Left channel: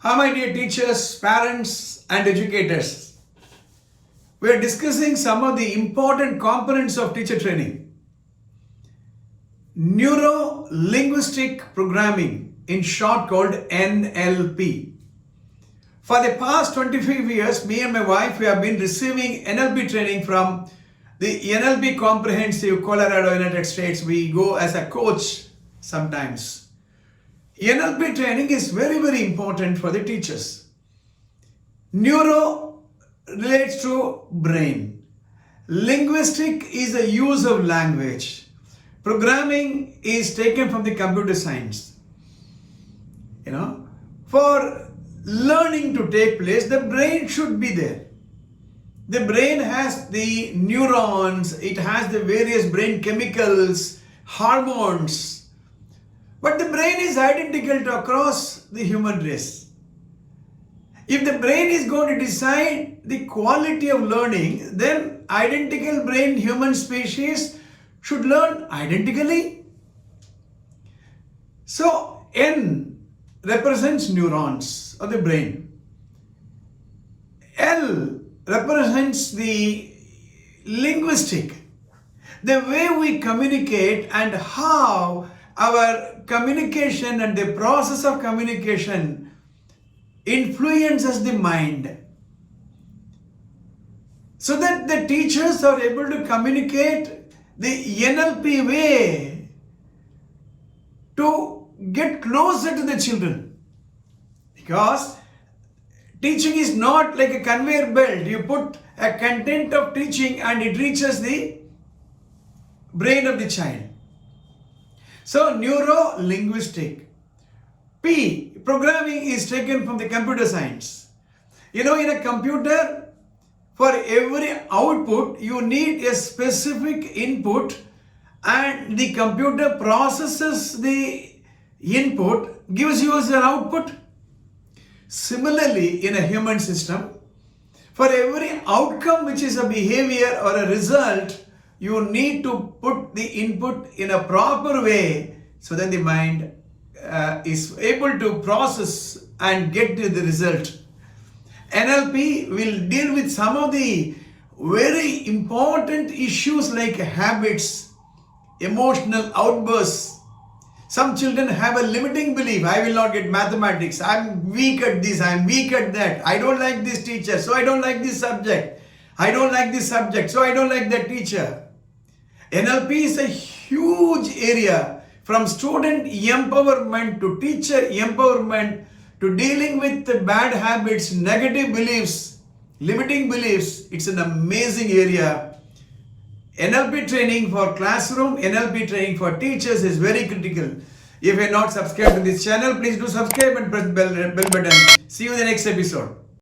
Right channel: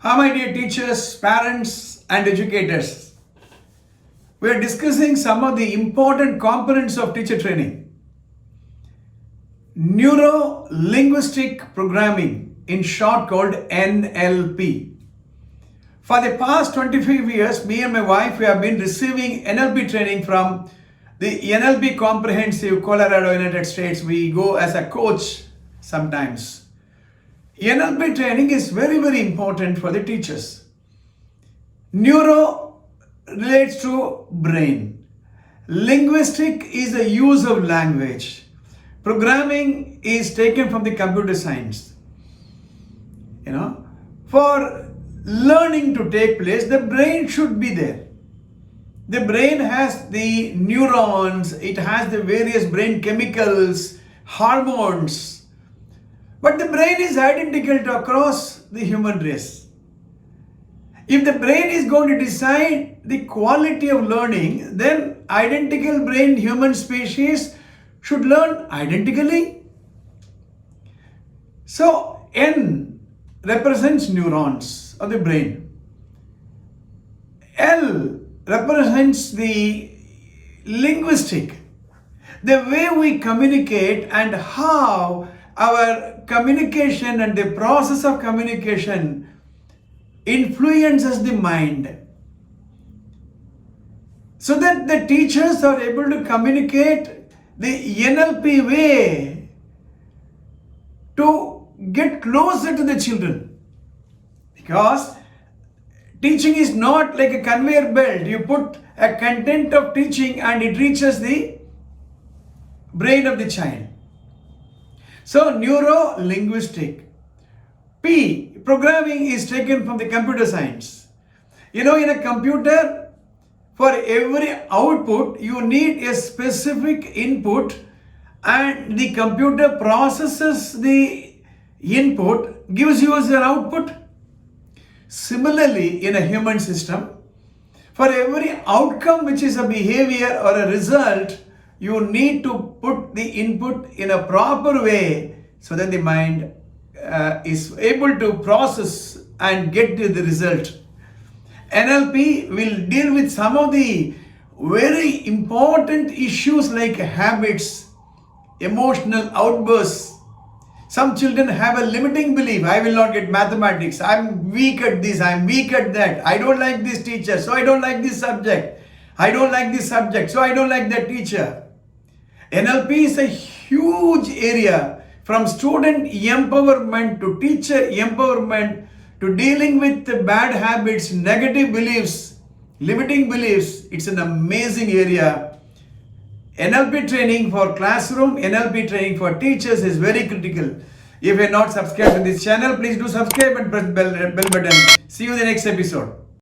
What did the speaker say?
Hi, my dear teachers, parents, and educators. We are discussing some of the important components of teacher training. Neuro Linguistic Programming, in short called NLP. For the past 25 years, me and my wife, we have been receiving NLP training from the NLP Comprehensive, Colorado, United States. We go as a coach sometimes. NLP training is very, very important for the teachers. Neuro relates to brain. Linguistic is the use of language. Programming is taken from the computer science. For learning to take place, the brain should be there. The brain has the neurons, it has the various brain chemicals, hormones. But the brain is identical across the human race. If the brain is going to decide the quality of learning, then identical brain human species should learn identically. So N represents neurons of the brain. L represents the linguistic, the way we communicate and how our communication and the process of communication influences the mind, so that the teachers are able to communicate the NLP way to get closer to the children. Because teaching is not like a conveyor belt. You put a content of teaching and it reaches the brain of the child. So neuro linguistic. P, programming, is taken from the computer science. In a computer, for every output, you need a specific input, and the computer processes the input, gives you as an output. Similarly, in a human system, for every outcome which is a behavior or a result, you need to put the input in a proper way so that the mind is able to process and get to the result. NLP will deal with some of the very important issues like habits, emotional outbursts. Some children have a limiting belief. I will not get mathematics. I'm weak at this. I'm weak at that. I don't like this teacher, so I don't like this subject. I don't like this subject, so I don't like that teacher. NLP is a huge area, from student empowerment to teacher empowerment to dealing with the bad habits, negative beliefs, limiting beliefs. It's an amazing area. NLP training for classroom, NLP training for teachers is very critical. If you're not subscribed to this channel, please do subscribe and press bell button. See you in the next episode.